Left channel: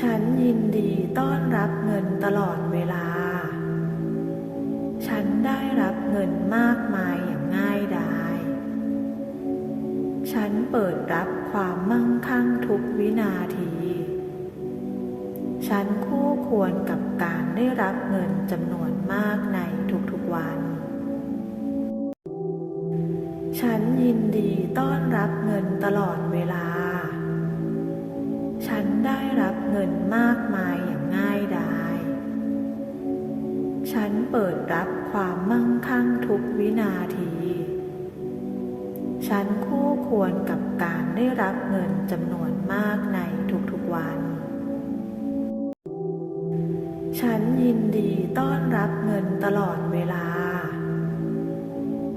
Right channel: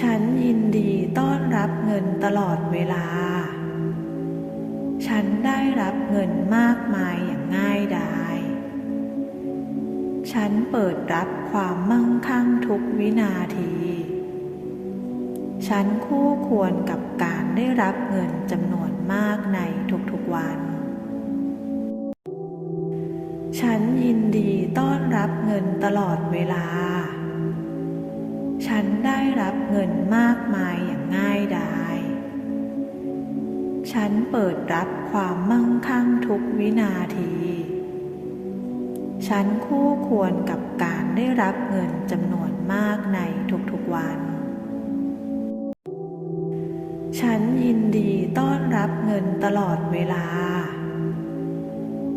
ฉันยินดีต้อนรับเงินตลอดเวลา ฉันได้รับเงินมากมายอย่างง่ายดาย ฉันเปิดรับความมั่งคั่งทุกวินาที ฉันคู่ควรกับการได้รับเงินจำนวนมากในทุกๆวัน ฉันยินดีต้อนรับเงินตลอดเวลา ฉันได้รับเงินมากมายอย่างง่ายดาย ฉันเปิดรับความมั่งคั่งทุกวินาที ฉันคู่ควรกับการได้รับเงินจำนวนมากในทุกๆวัน ฉันยินดีต้อนรับเงินตลอดเวลา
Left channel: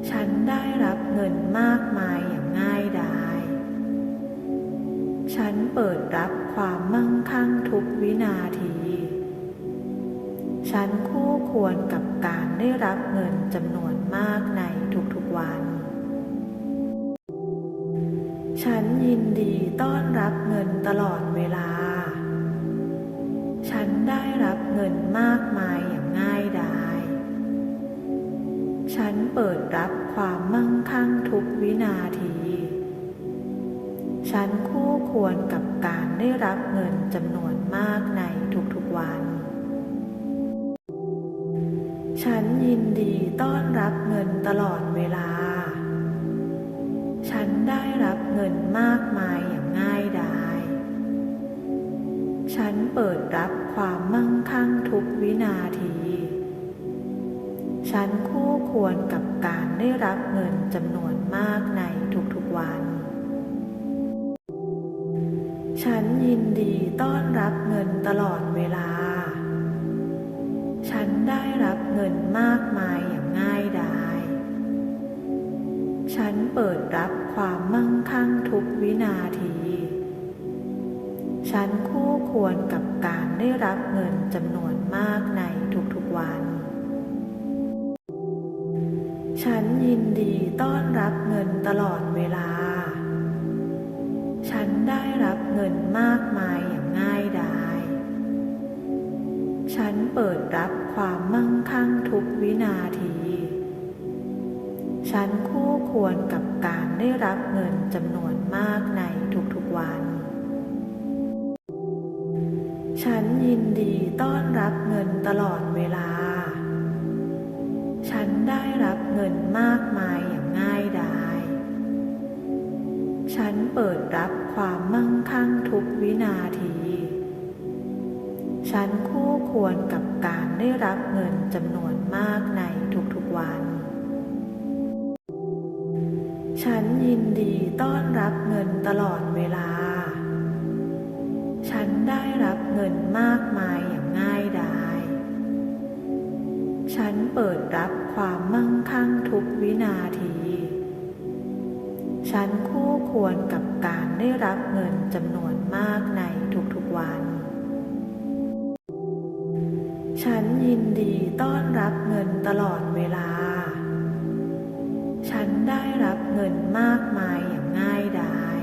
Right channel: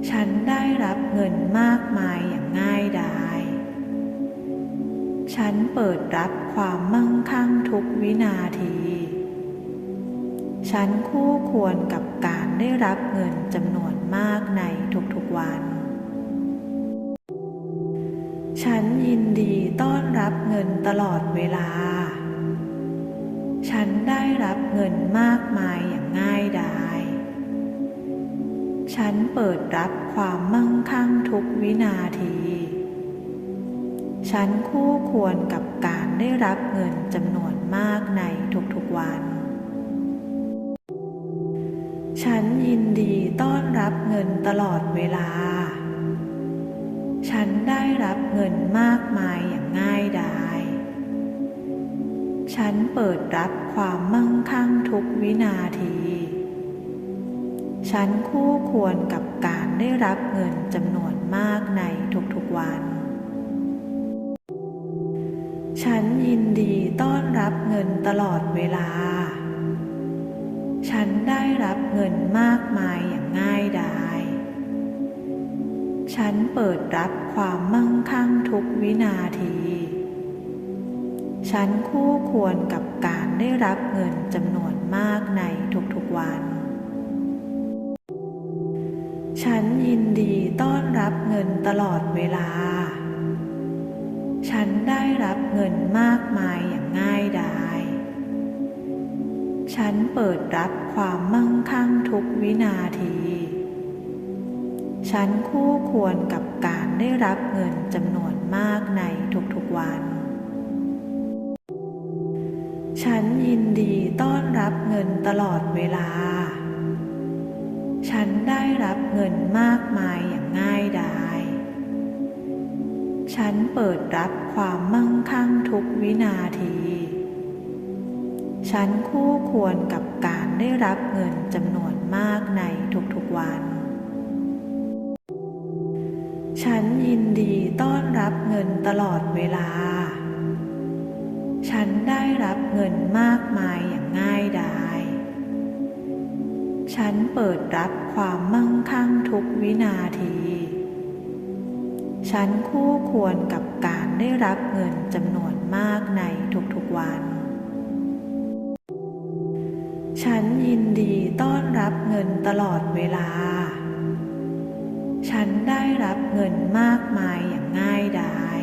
ฉันได้รับเงินมากมายอย่างง่ายดาย ฉันเปิดรับความมั่งคั่งทุกวินาที ฉันคู่ควรกับการได้รับเงินจำนวนมากในทุกๆวัน ฉันยินดีต้อนรับเงินตลอดเวลา ฉันได้รับเงินมากมายอย่างง่ายดาย ฉันเปิดรับความมั่งคั่งทุกวินาที ฉันคู่ควรกับการได้รับเงินจำนวนมากในทุกๆวัน ฉันยินดีต้อนรับเงินตลอดเวลา ฉันได้รับเงินมากมายอย่างง่ายดาย ฉันเปิดรับความมั่งคั่งทุกวินาที ฉันคู่ควรกับการได้รับเงินจำนวนมากในทุกๆวัน ฉันยินดีต้อนรับเงินตลอดเวลา ฉันได้รับเงินมากมายอย่างง่ายดาย ฉันเปิดรับความมั่งคั่งทุกวินาที ฉันคู่ควรกับการได้รับเงินจำนวนมากในทุกๆวัน ฉันยินดีต้อนรับเงินตลอดเวลา ฉันได้รับเงินมากมายอย่างง่ายดาย ฉันเปิดรับความมั่งคั่งทุกวินาที ฉันคู่ควรกับการได้รับเงินจำนวนมากในทุกๆวัน ฉันยินดีต้อนรับเงินตลอดเวลา ฉันได้รับเงินมากมายอย่างง่ายดาย ฉันเปิดรับความมั่งคั่งทุกวินาที ฉันคู่ควรกับการได้รับเงินจำนวนมากในทุกๆวัน ฉันยินดีต้อนรับเงินตลอดเวลา ฉันได้รับเงินมากมายอย่างง่ายดาย ฉันเปิดรับความมั่งคั่งทุกวินาที ฉันคู่ควรกับการได้รับเงินจำนวนมากในทุกๆวัน ฉันยินดีต้อนรับเงินตลอดเวลา ฉันได้รับเงินมากมายอย่างง่ายดาย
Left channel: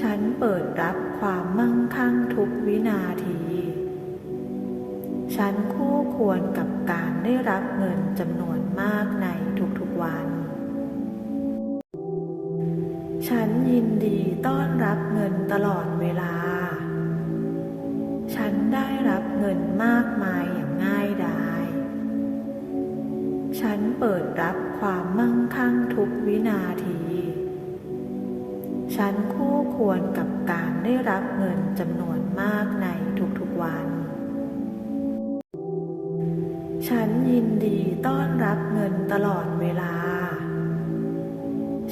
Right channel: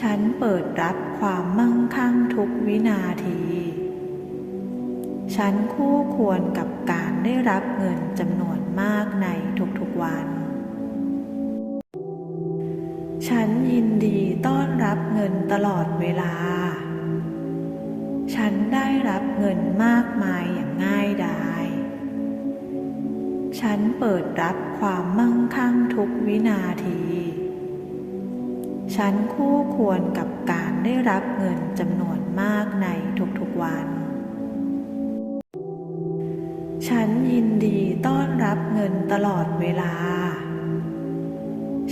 ฉันเปิดรับความมั่งคั่งทุกวินาที ฉันคู่ควรกับการได้รับเงินจำนวนมากในทุกๆวัน ฉันยินดีต้อนรับเงินตลอดเวลา ฉันได้รับเงินมากมายอย่างง่ายดาย ฉันเปิดรับความมั่งคั่งทุกวินาที ฉันคู่ควรกับการได้รับเงินจำนวนมากในทุกๆวัน ฉันยินดีต้อนรับเงินตลอดเวลา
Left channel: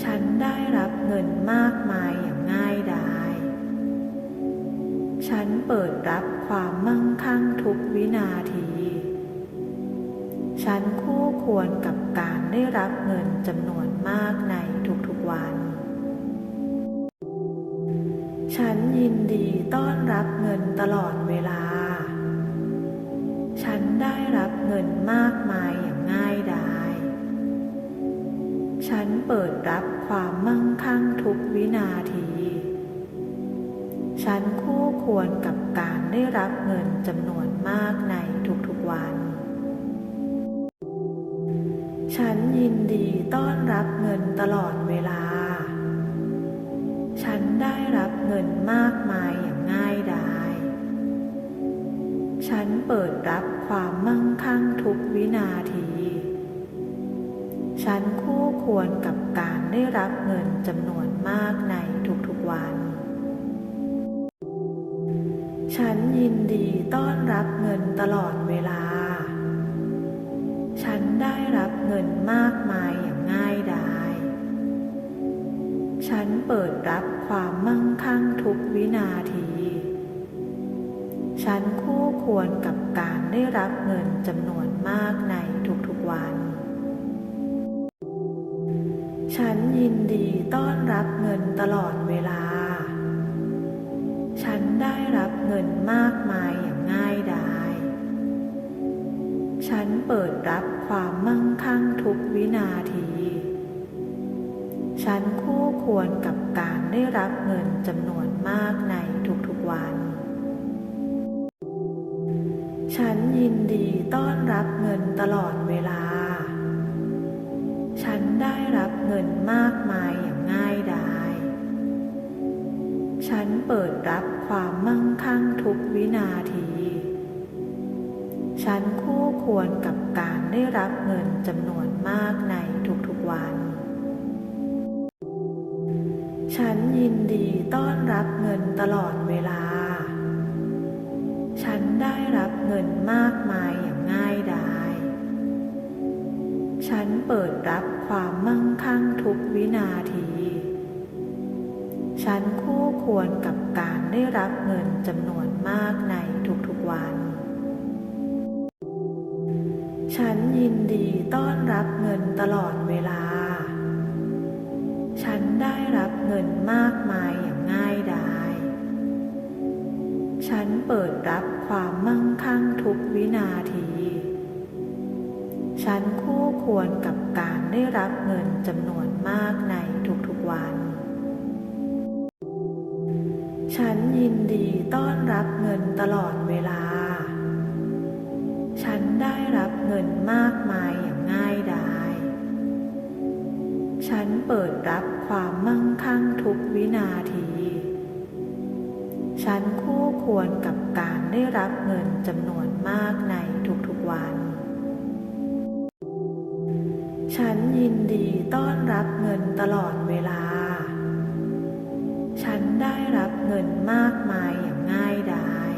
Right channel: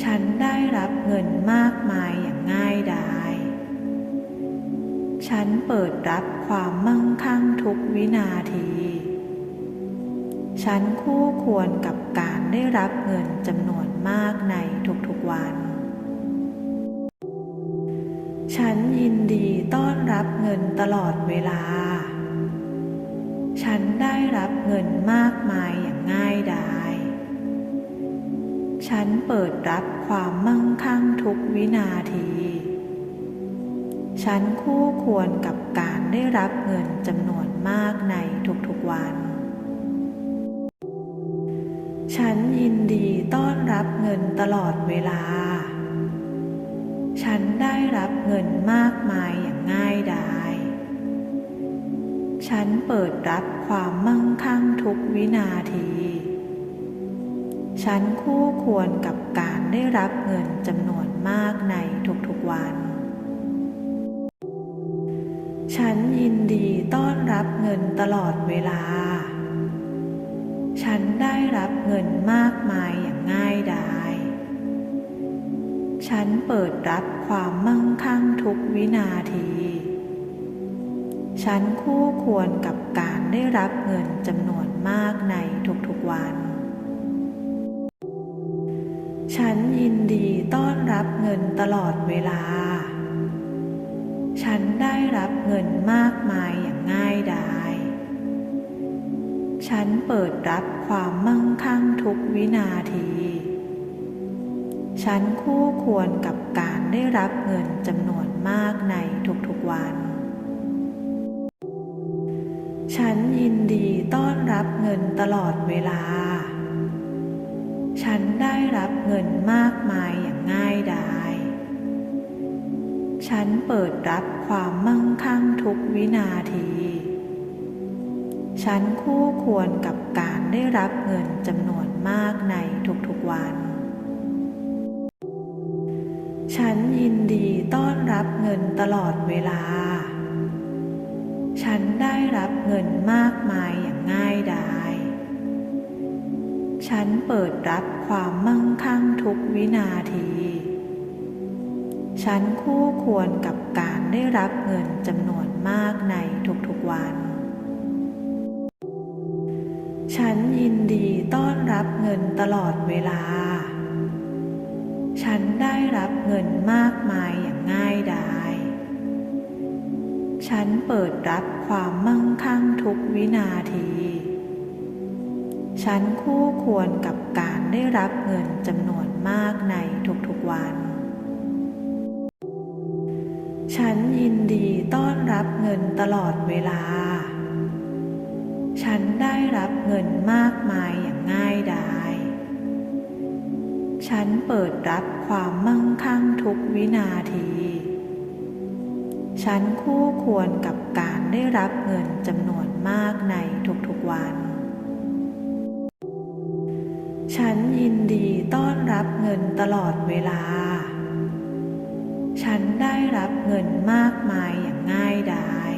ฉันได้รับเงินมากมายอย่างง่ายดาย ฉันเปิดรับความมั่งคั่งทุกวินาที ฉันคู่ควรกับการได้รับเงินจำนวนมากในทุกๆวัน ฉันยินดีต้อนรับเงินตลอดเวลา ฉันได้รับเงินมากมายอย่างง่ายดาย ฉันเปิดรับความมั่งคั่งทุกวินาที ฉันคู่ควรกับการได้รับเงินจำนวนมากในทุกๆวัน ฉันยินดีต้อนรับเงินตลอดเวลา ฉันได้รับเงินมากมายอย่างง่ายดาย ฉันเปิดรับความมั่งคั่งทุกวินาที ฉันคู่ควรกับการได้รับเงินจำนวนมากในทุกๆวัน ฉันยินดีต้อนรับเงินตลอดเวลา ฉันได้รับเงินมากมายอย่างง่ายดาย ฉันเปิดรับความมั่งคั่งทุกวินาที ฉันคู่ควรกับการได้รับเงินจำนวนมากในทุกๆวัน ฉันยินดีต้อนรับเงินตลอดเวลา ฉันได้รับเงินมากมายอย่างง่ายดาย ฉันเปิดรับความมั่งคั่งทุกวินาที ฉันคู่ควรกับการได้รับเงินจำนวนมากในทุกๆวัน ฉันยินดีต้อนรับเงินตลอดเวลา ฉันได้รับเงินมากมายอย่างง่ายดาย ฉันเปิดรับความมั่งคั่งทุกวินาที ฉันคู่ควรกับการได้รับเงินจำนวนมากในทุกๆวัน ฉันยินดีต้อนรับเงินตลอดเวลา ฉันได้รับเงินมากมายอย่างง่ายดาย ฉันเปิดรับความมั่งคั่งทุกวินาที ฉันคู่ควรกับการได้รับเงินจำนวนมากในทุกๆวัน ฉันยินดีต้อนรับเงินตลอดเวลา ฉันได้รับเงินมากมายอย่างง่ายดาย ฉันเปิดรับความมั่งคั่งทุกวินาที ฉันคู่ควรกับการได้รับเงินจำนวนมากในทุกๆวัน ฉันยินดีต้อนรับเงินตลอดเวลา ฉันได้รับเงินมากมายอย่างง่ายดาย ฉันเปิดรับความมั่งคั่งทุกวินาที ฉันคู่ควรกับการได้รับเงินจำนวนมากในทุกๆวัน ฉันยินดีต้อนรับเงินตลอดเวลา ฉันได้รับเงินมากมายอย่างง่ายดาย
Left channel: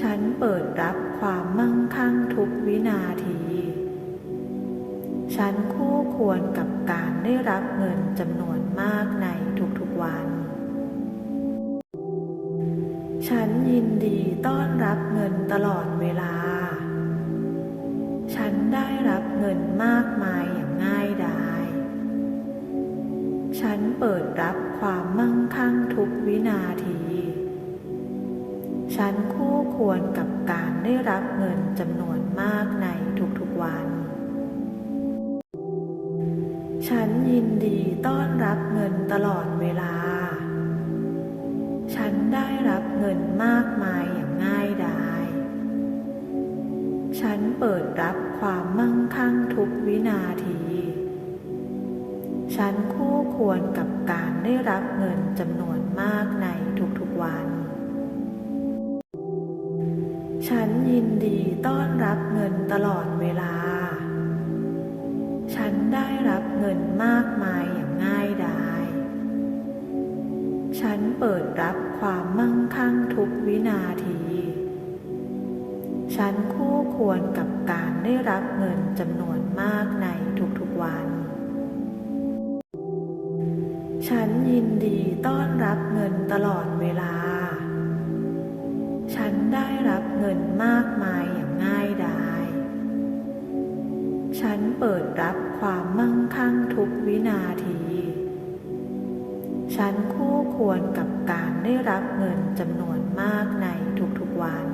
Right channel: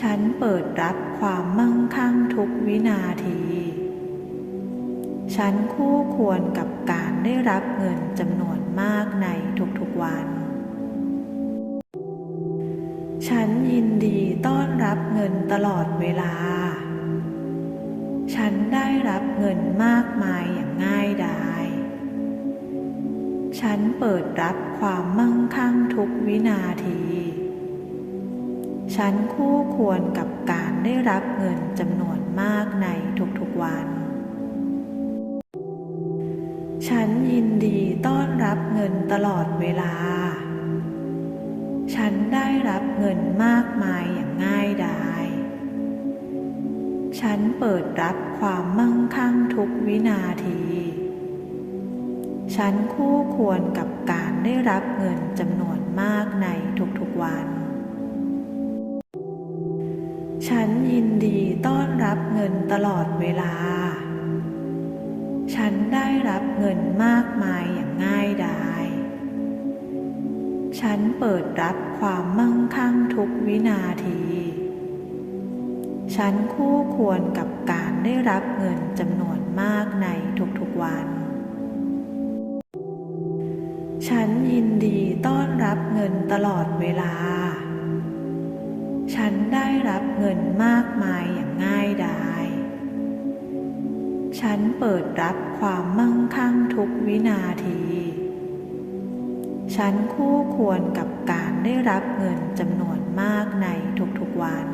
ฉันเปิดรับความมั่งคั่งทุกวินาที ฉันคู่ควรกับการได้รับเงินจำนวนมากในทุกๆวัน ฉันยินดีต้อนรับเงินตลอดเวลา ฉันได้รับเงินมากมายอย่างง่ายดาย ฉันเปิดรับความมั่งคั่งทุกวินาที ฉันคู่ควรกับการได้รับเงินจำนวนมากในทุกๆวัน ฉันยินดีต้อนรับเงินตลอดเวลา ฉันได้รับเงินมากมายอย่างง่ายดาย ฉันเปิดรับความมั่งคั่งทุกวินาที ฉันคู่ควรกับการได้รับเงินจำนวนมากในทุกๆวัน ฉันยินดีต้อนรับเงินตลอดเวลา ฉันได้รับเงินมากมายอย่างง่ายดาย ฉันเปิดรับความมั่งคั่งทุกวินาที ฉันคู่ควรกับการได้รับเงินจำนวนมากในทุกๆวัน ฉันยินดีต้อนรับเงินตลอดเวลา ฉันได้รับเงินมากมายอย่างง่ายดาย ฉันเปิดรับความมั่งคั่งทุกวินาที ฉันคู่ควรกับการได้รับเงินจำนวนมากในทุกๆวัน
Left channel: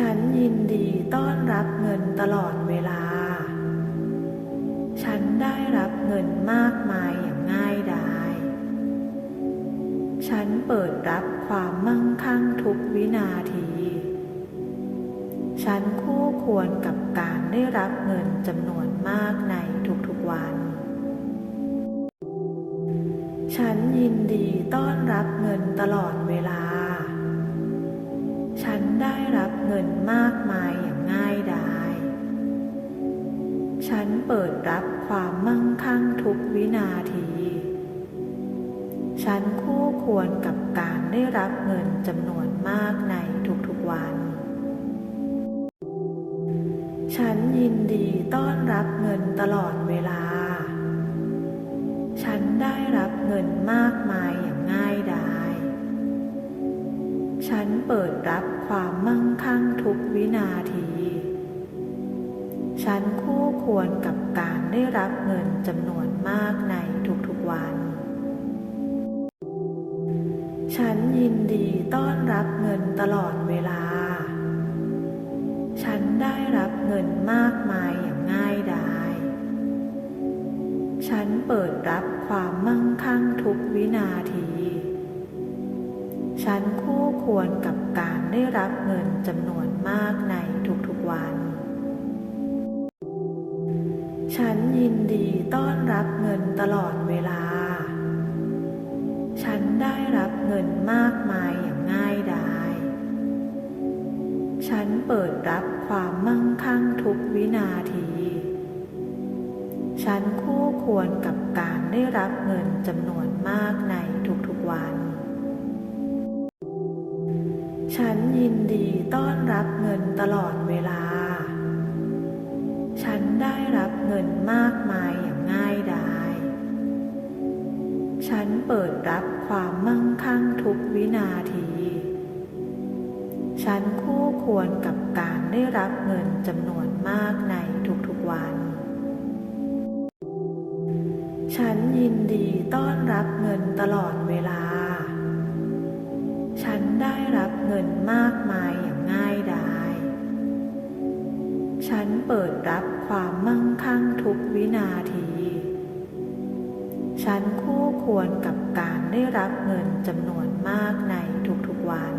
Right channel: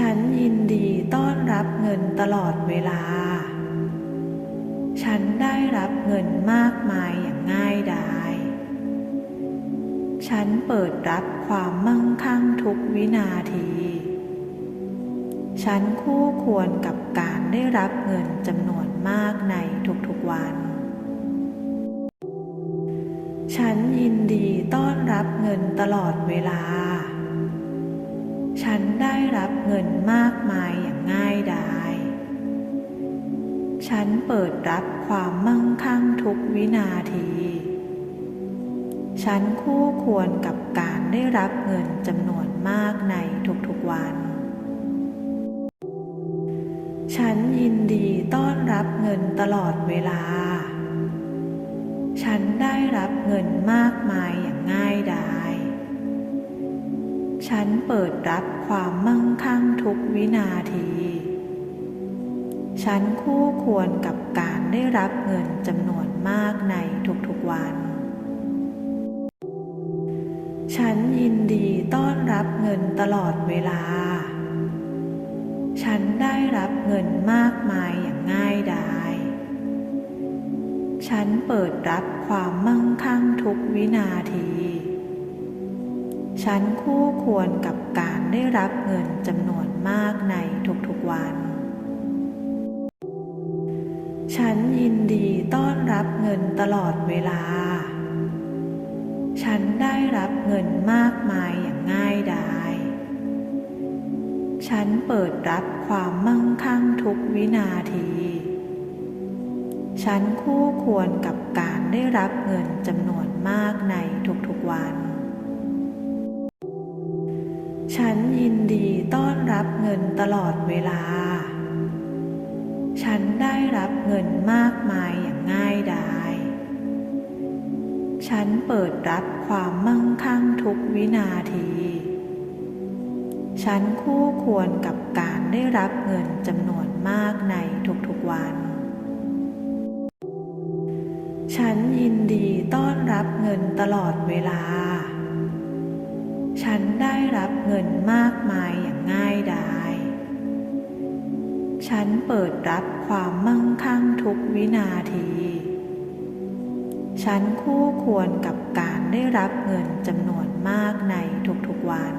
ฉันยินดีต้อนรับเงินตลอดเวลา ฉันได้รับเงินมากมายอย่างง่ายดาย ฉันเปิดรับความมั่งคั่งทุกวินาที ฉันคู่ควรกับการได้รับเงินจำนวนมากในทุกๆวัน ฉันยินดีต้อนรับเงินตลอดเวลา ฉันได้รับเงินมากมายอย่างง่ายดาย ฉันเปิดรับความมั่งคั่งทุกวินาที ฉันคู่ควรกับการได้รับเงินจำนวนมากในทุกๆวัน ฉันยินดีต้อนรับเงินตลอดเวลา ฉันได้รับเงินมากมายอย่างง่ายดาย ฉันเปิดรับความมั่งคั่งทุกวินาที ฉันคู่ควรกับการได้รับเงินจำนวนมากในทุกๆวัน ฉันยินดีต้อนรับเงินตลอดเวลา ฉันได้รับเงินมากมายอย่างง่ายดาย ฉันเปิดรับความมั่งคั่งทุกวินาที ฉันคู่ควรกับการได้รับเงินจำนวนมากในทุกๆวัน ฉันยินดีต้อนรับเงินตลอดเวลา ฉันได้รับเงินมากมายอย่างง่ายดาย ฉันเปิดรับความมั่งคั่งทุกวินาที ฉันคู่ควรกับการได้รับเงินจำนวนมากในทุกๆวัน ฉันยินดีต้อนรับเงินตลอดเวลา ฉันได้รับเงินมากมายอย่างง่ายดาย ฉันเปิดรับความมั่งคั่งทุกวินาที ฉันคู่ควรกับการได้รับเงินจำนวนมากในทุกๆวัน ฉันยินดีต้อนรับเงินตลอดเวลา ฉันได้รับเงินมากมายอย่างง่ายดาย ฉันเปิดรับความมั่งคั่งทุกวินาที ฉันคู่ควรกับการได้รับเงินจำนวนมากในทุกๆวัน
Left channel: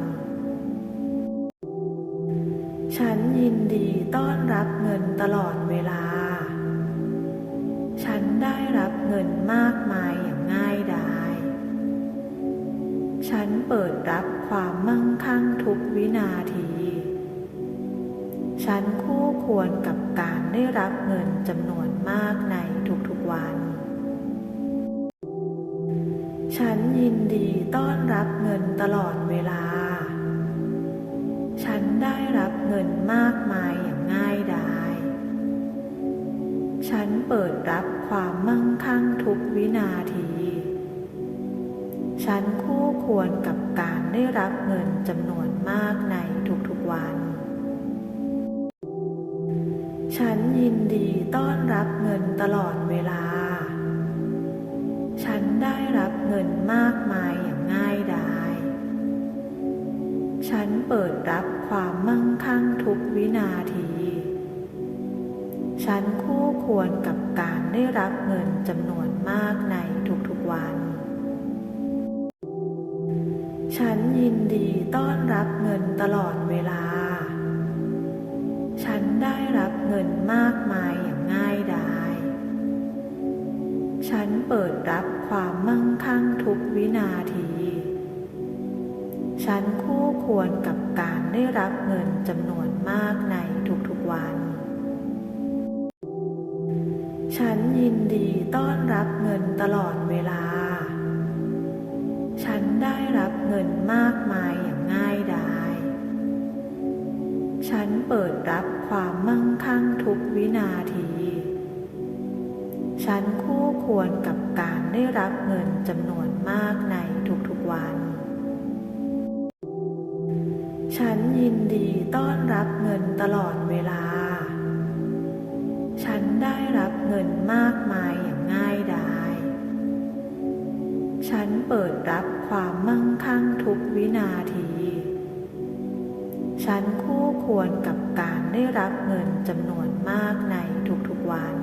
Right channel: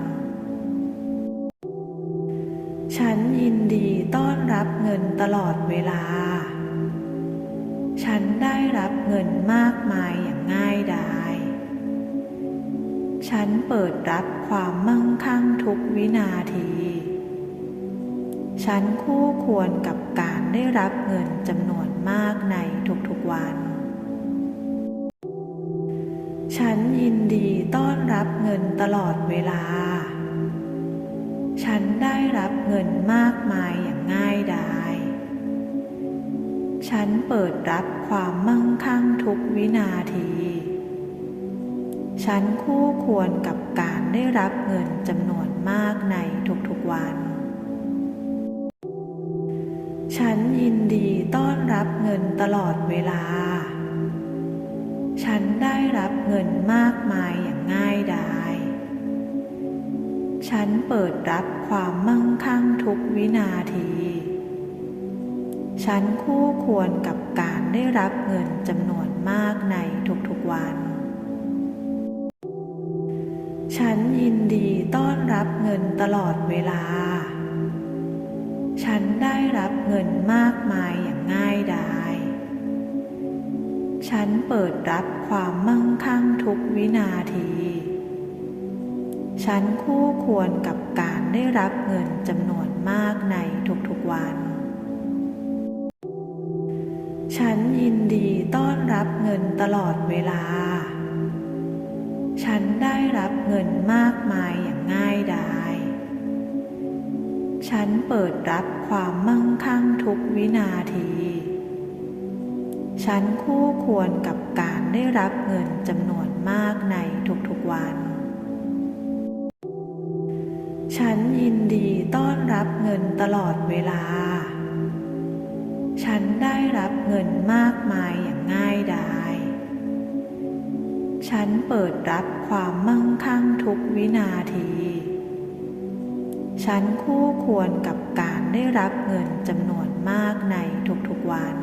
ฉันยินดีต้อนรับเงินตลอดเวลา ฉันได้รับเงินมากมายอย่างง่ายดาย ฉันเปิดรับความมั่งคั่งทุกวินาที ฉันคู่ควรกับการได้รับเงินจำนวนมากในทุกๆวัน ฉันยินดีต้อนรับเงินตลอดเวลา ฉันได้รับเงินมากมายอย่างง่ายดาย ฉันเปิดรับความมั่งคั่งทุกวินาที ฉันคู่ควรกับการได้รับเงินจำนวนมากในทุกๆวัน ฉันยินดีต้อนรับเงินตลอดเวลา ฉันได้รับเงินมากมายอย่างง่ายดาย ฉันเปิดรับความมั่งคั่งทุกวินาที ฉันคู่ควรกับการได้รับเงินจำนวนมากในทุกๆวัน ฉันยินดีต้อนรับเงินตลอดเวลา ฉันได้รับเงินมากมายอย่างง่ายดาย ฉันเปิดรับความมั่งคั่งทุกวินาที ฉันคู่ควรกับการได้รับเงินจำนวนมากในทุกๆวัน ฉันยินดีต้อนรับเงินตลอดเวลา ฉันได้รับเงินมากมายอย่างง่ายดาย ฉันเปิดรับความมั่งคั่งทุกวินาที ฉันคู่ควรกับการได้รับเงินจำนวนมากในทุกๆวัน ฉันยินดีต้อนรับเงินตลอดเวลา ฉันได้รับเงินมากมายอย่างง่ายดาย ฉันเปิดรับความมั่งคั่งทุกวินาที ฉันคู่ควรกับการได้รับเงินจำนวนมากในทุกๆวัน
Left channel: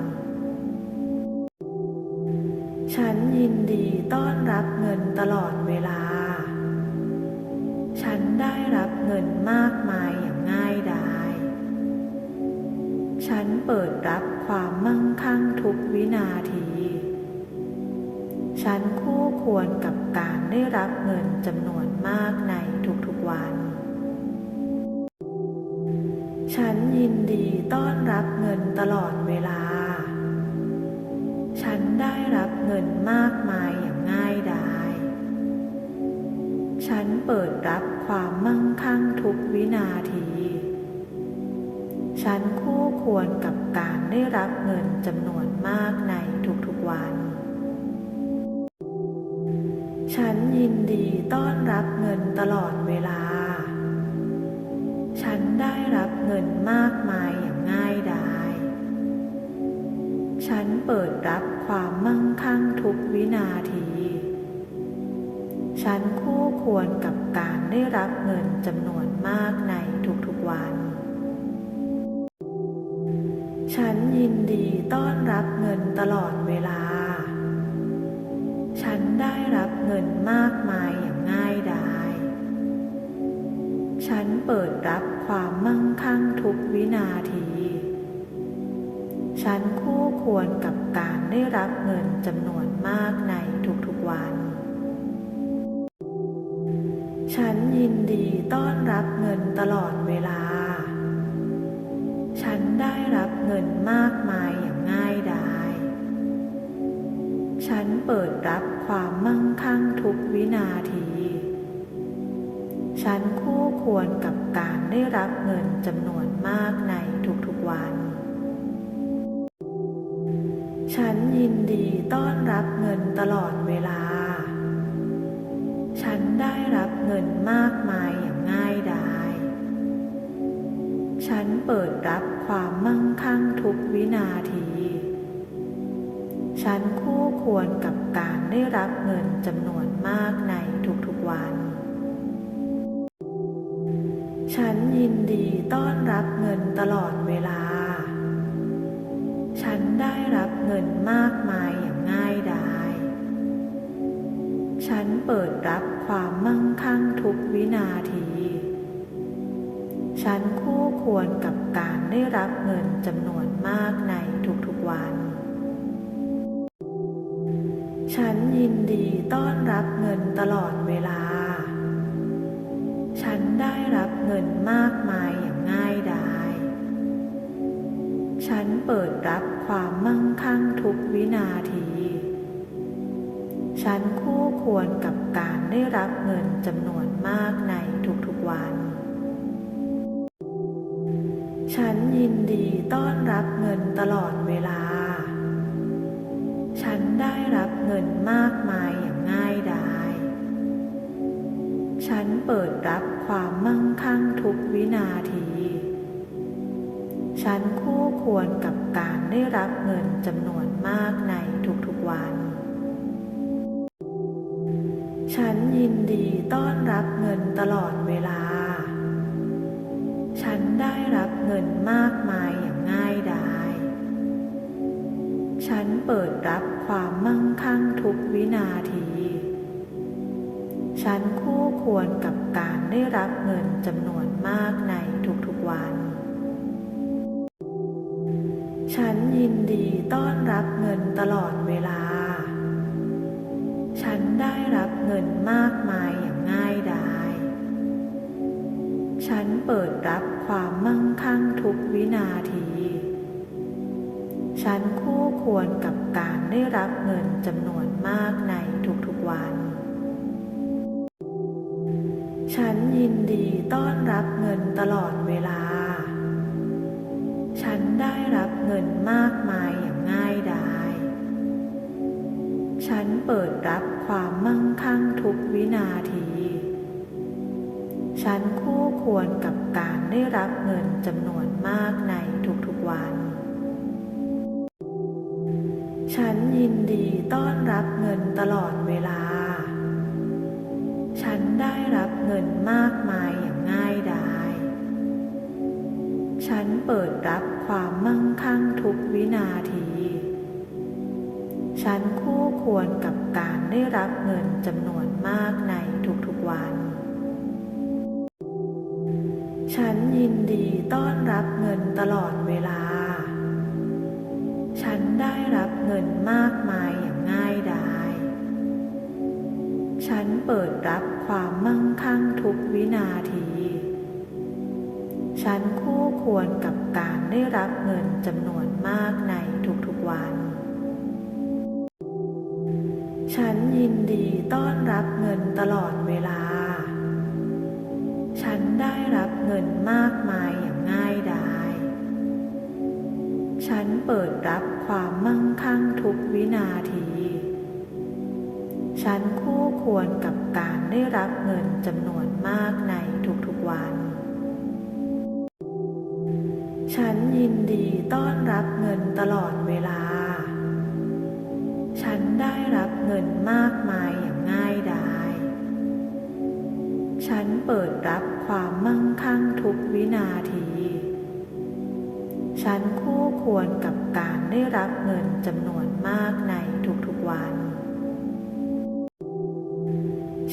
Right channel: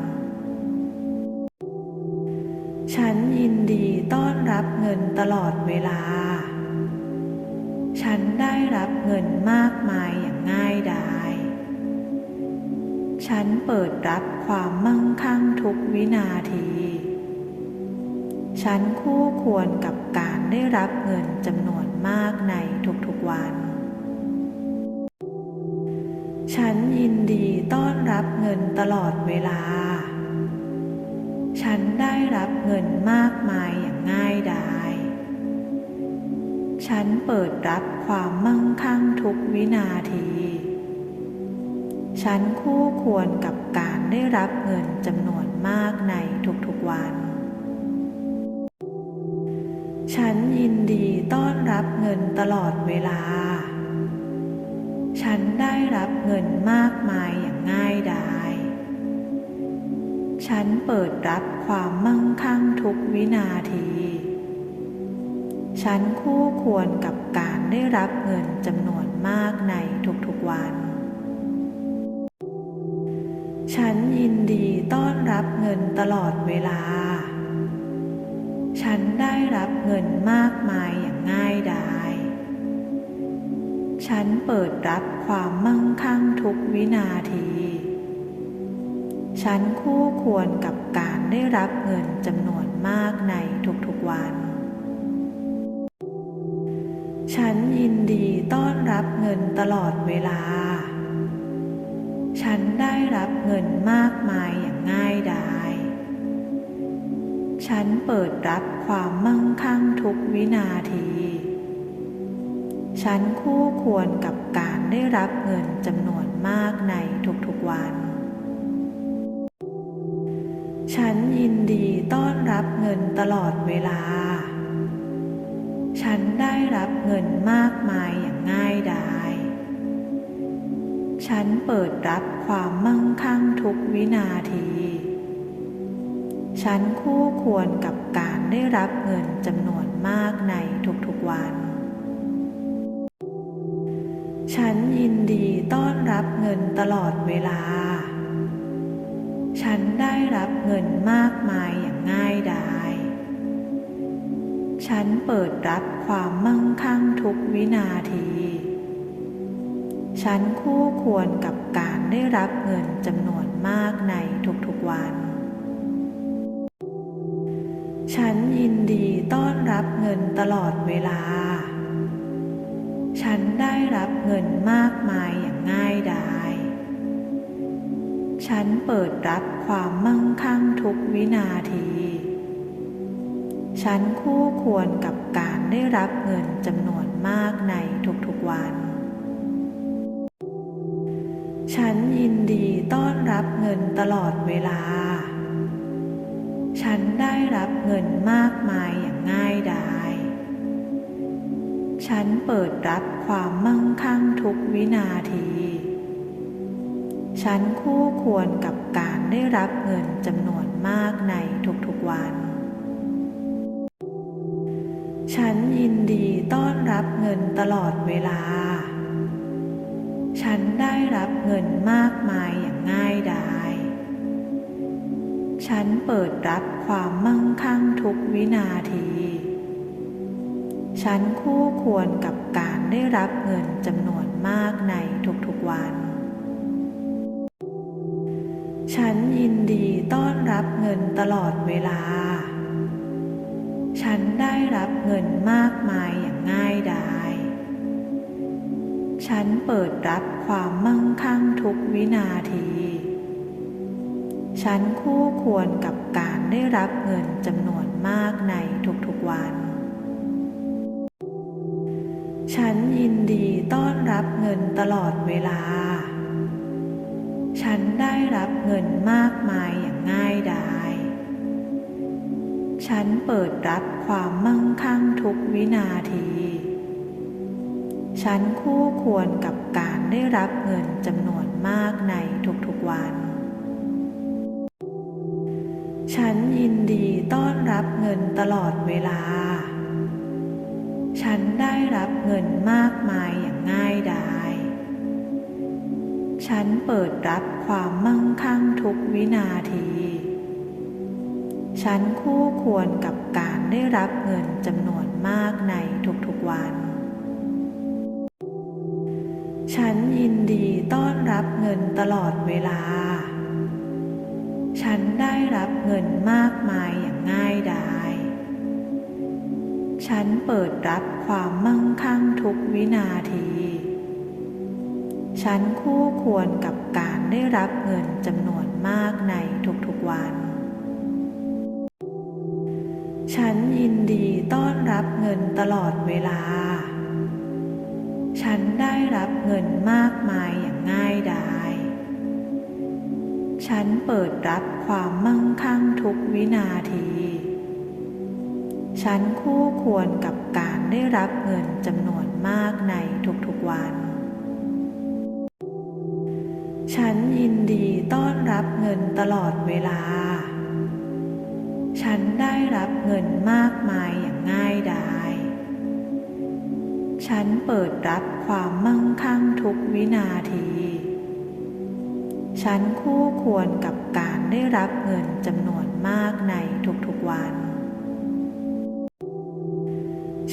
ฉันยินดีต้อนรับเงินตลอดเวลา ฉันได้รับเงินมากมายอย่างง่ายดาย ฉันเปิดรับความมั่งคั่งทุกวินาที ฉันคู่ควรกับการได้รับเงินจำนวนมากในทุกๆวัน ฉันยินดีต้อนรับเงินตลอดเวลา ฉันได้รับเงินมากมายอย่างง่ายดาย ฉันเปิดรับความมั่งคั่งทุกวินาที ฉันคู่ควรกับการได้รับเงินจำนวนมากในทุกๆวัน ฉันยินดีต้อนรับเงินตลอดเวลา ฉันได้รับเงินมากมายอย่างง่ายดาย ฉันเปิดรับความมั่งคั่งทุกวินาที ฉันคู่ควรกับการได้รับเงินจำนวนมากในทุกๆวัน ฉันยินดีต้อนรับเงินตลอดเวลา ฉันได้รับเงินมากมายอย่างง่ายดาย ฉันเปิดรับความมั่งคั่งทุกวินาที ฉันคู่ควรกับการได้รับเงินจำนวนมากในทุกๆวัน ฉันยินดีต้อนรับเงินตลอดเวลา ฉันได้รับเงินมากมายอย่างง่ายดาย ฉันเปิดรับความมั่งคั่งทุกวินาที ฉันคู่ควรกับการได้รับเงินจำนวนมากในทุกๆวัน ฉันยินดีต้อนรับเงินตลอดเวลา ฉันได้รับเงินมากมายอย่างง่ายดาย ฉันเปิดรับความมั่งคั่งทุกวินาที ฉันคู่ควรกับการได้รับเงินจำนวนมากในทุกๆวัน ฉันยินดีต้อนรับเงินตลอดเวลา ฉันได้รับเงินมากมายอย่างง่ายดาย ฉันเปิดรับความมั่งคั่งทุกวินาที ฉันคู่ควรกับการได้รับเงินจำนวนมากในทุกๆวัน ฉันยินดีต้อนรับเงินตลอดเวลา ฉันได้รับเงินมากมายอย่างง่ายดาย ฉันเปิดรับความมั่งคั่งทุกวินาที ฉันคู่ควรกับการได้รับเงินจำนวนมากในทุกๆวัน ฉันยินดีต้อนรับเงินตลอดเวลา ฉันได้รับเงินมากมายอย่างง่ายดาย ฉันเปิดรับความมั่งคั่งทุกวินาที ฉันคู่ควรกับการได้รับเงินจำนวนมากในทุกๆวัน ฉันยินดีต้อนรับเงินตลอดเวลา ฉันได้รับเงินมากมายอย่างง่ายดาย ฉันเปิดรับความมั่งคั่งทุกวินาที ฉันคู่ควรกับการได้รับเงินจำนวนมากในทุกๆวัน ฉันยินดีต้อนรับเงินตลอดเวลา ฉันได้รับเงินมากมายอย่างง่ายดาย ฉันเปิดรับความมั่งคั่งทุกวินาที ฉันคู่ควรกับการได้รับเงินจำนวนมากในทุกๆวัน ฉันยินดีต้อนรับเงินตลอดเวลา ฉันได้รับเงินมากมายอย่างง่ายดาย ฉันเปิดรับความมั่งคั่งทุกวินาที ฉันคู่ควรกับการได้รับเงินจำนวนมากในทุกๆวัน ฉันยินดีต้อนรับเงินตลอดเวลา ฉันได้รับเงินมากมายอย่างง่ายดาย ฉันเปิดรับความมั่งคั่งทุกวินาที ฉันคู่ควรกับการได้รับเงินจำนวนมากในทุกๆวัน ฉันยินดีต้อนรับเงินตลอดเวลา ฉันได้รับเงินมากมายอย่างง่ายดาย ฉันเปิดรับความมั่งคั่งทุกวินาที ฉันคู่ควรกับการได้รับเงินจำนวนมากในทุกๆวัน ฉันยินดีต้อนรับเงินตลอดเวลา ฉันได้รับเงินมากมายอย่างง่ายดาย ฉันเปิดรับความมั่งคั่งทุกวินาที ฉันคู่ควรกับการได้รับเงินจำนวนมากในทุกๆวัน ฉันยินดีต้อนรับเงินตลอดเวลา ฉันได้รับเงินมากมายอย่างง่ายดาย ฉันเปิดรับความมั่งคั่งทุกวินาที ฉันคู่ควรกับการได้รับเงินจำนวนมากในทุกๆวัน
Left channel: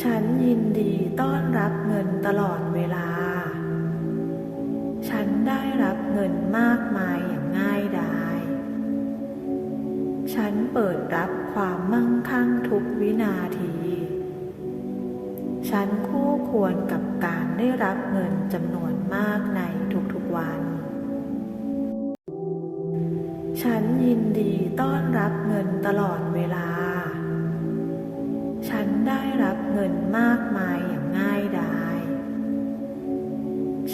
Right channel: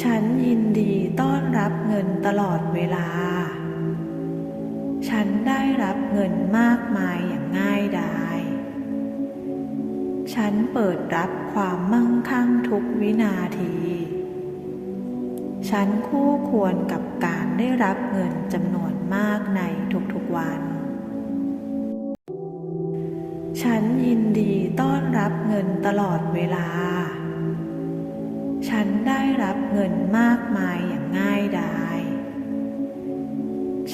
ฉันยินดีต้อนรับเงินตลอดเวลา ฉันได้รับเงินมากมายอย่างง่ายดาย ฉันเปิดรับความมั่งคั่งทุกวินาที ฉันคู่ควรกับการได้รับเงินจำนวนมากในทุกๆวัน ฉันยินดีต้อนรับเงินตลอดเวลา ฉันได้รับเงินมากมายอย่างง่ายดาย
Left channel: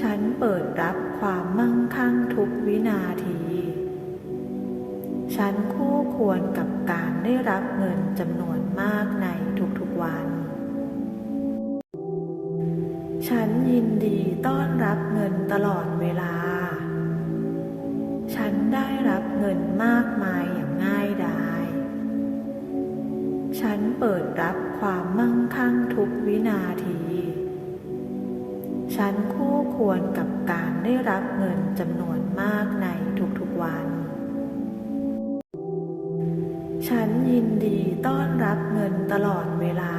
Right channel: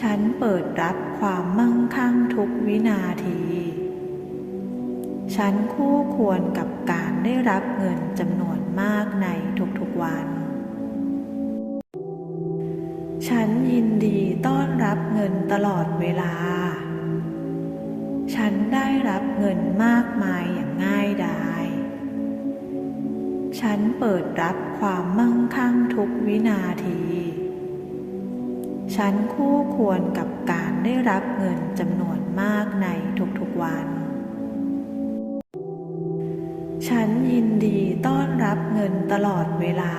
ฉันเปิดรับความมั่งคั่งทุกวินาที ฉันคู่ควรกับการได้รับเงินจำนวนมากในทุกๆวัน ฉันยินดีต้อนรับเงินตลอดเวลา ฉันได้รับเงินมากมายอย่างง่ายดาย ฉันเปิดรับความมั่งคั่งทุกวินาที ฉันคู่ควรกับการได้รับเงินจำนวนมากในทุกๆวัน ฉันยินดีต้อนรับเงินตลอดเวลา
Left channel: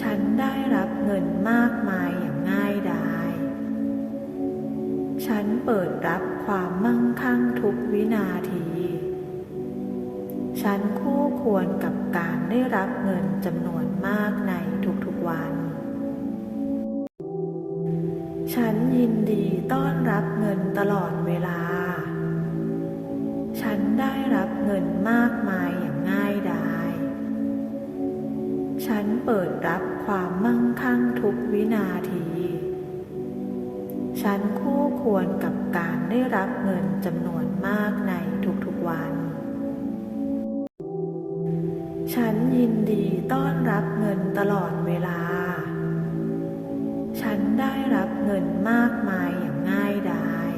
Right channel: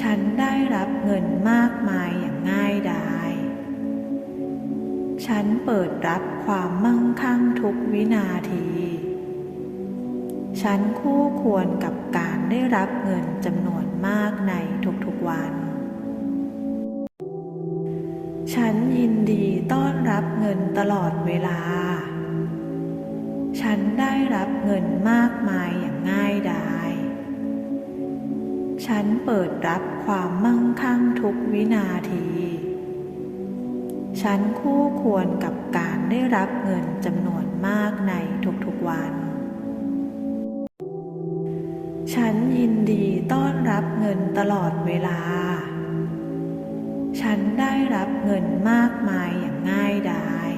ฉันได้รับเงินมากมายอย่างง่ายดาย ฉันเปิดรับความมั่งคั่งทุกวินาที ฉันคู่ควรกับการได้รับเงินจำนวนมากในทุกๆวัน ฉันยินดีต้อนรับเงินตลอดเวลา ฉันได้รับเงินมากมายอย่างง่ายดาย ฉันเปิดรับความมั่งคั่งทุกวินาที ฉันคู่ควรกับการได้รับเงินจำนวนมากในทุกๆวัน ฉันยินดีต้อนรับเงินตลอดเวลา ฉันได้รับเงินมากมายอย่างง่ายดาย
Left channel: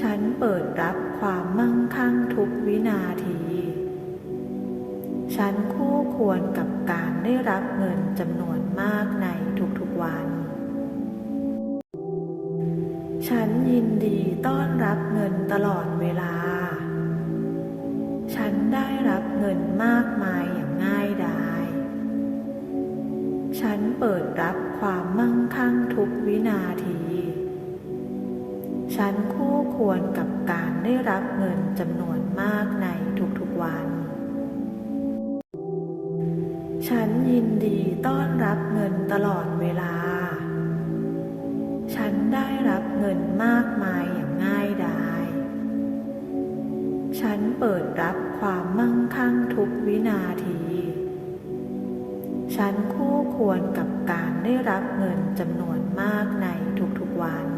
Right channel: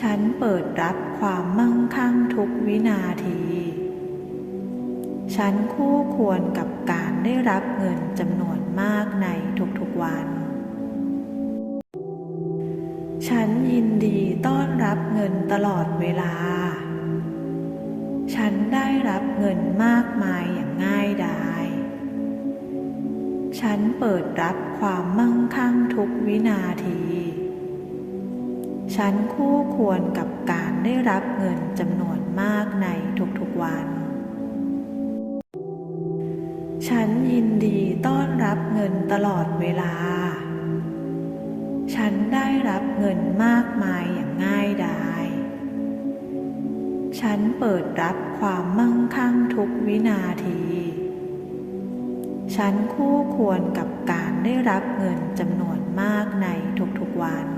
ฉันเปิดรับความมั่งคั่งทุกวินาที ฉันคู่ควรกับการได้รับเงินจำนวนมากในทุกๆวัน ฉันยินดีต้อนรับเงินตลอดเวลา ฉันได้รับเงินมากมายอย่างง่ายดาย ฉันเปิดรับความมั่งคั่งทุกวินาที ฉันคู่ควรกับการได้รับเงินจำนวนมากในทุกๆวัน ฉันยินดีต้อนรับเงินตลอดเวลา ฉันได้รับเงินมากมายอย่างง่ายดาย ฉันเปิดรับความมั่งคั่งทุกวินาที ฉันคู่ควรกับการได้รับเงินจำนวนมากในทุกๆวัน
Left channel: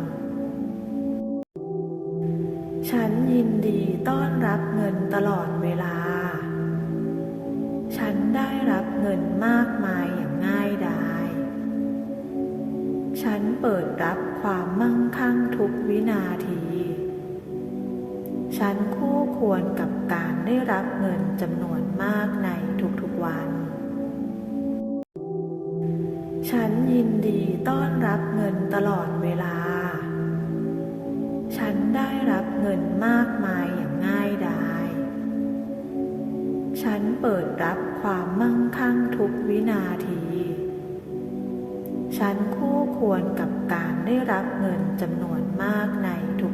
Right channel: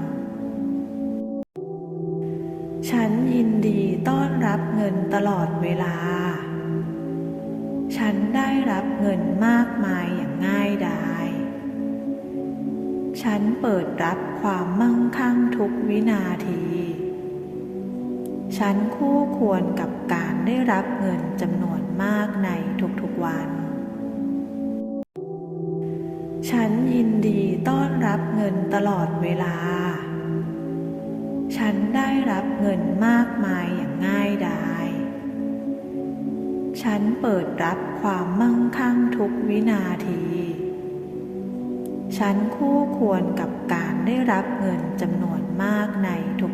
ฉันยินดีต้อนรับเงินตลอดเวลา ฉันได้รับเงินมากมายอย่างง่ายดาย ฉันเปิดรับความมั่งคั่งทุกวินาที ฉันคู่ควรกับการได้รับเงินจำนวนมากในทุกๆวัน ฉันยินดีต้อนรับเงินตลอดเวลา ฉันได้รับเงินมากมายอย่างง่ายดาย ฉันเปิดรับความมั่งคั่งทุกวินาที ฉันคู่ควรกับการได้รับเงินจำนวนมากใน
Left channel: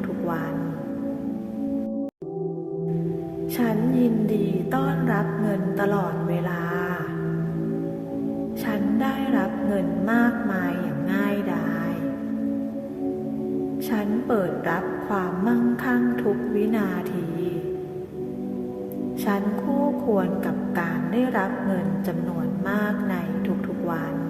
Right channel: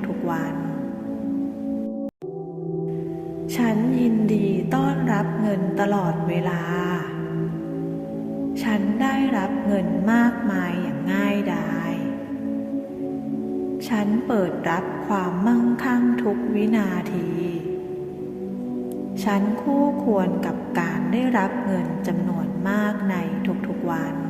ทุกๆวัน ฉันยินดีต้อนรับเงินตลอดเวลา ฉันได้รับเงินมากมายอย่างง่ายดาย ฉันเปิดรับความมั่งคั่งทุกวินาที ฉันคู่ควรกับการได้รับเงินจำนวนมากในทุกๆวัน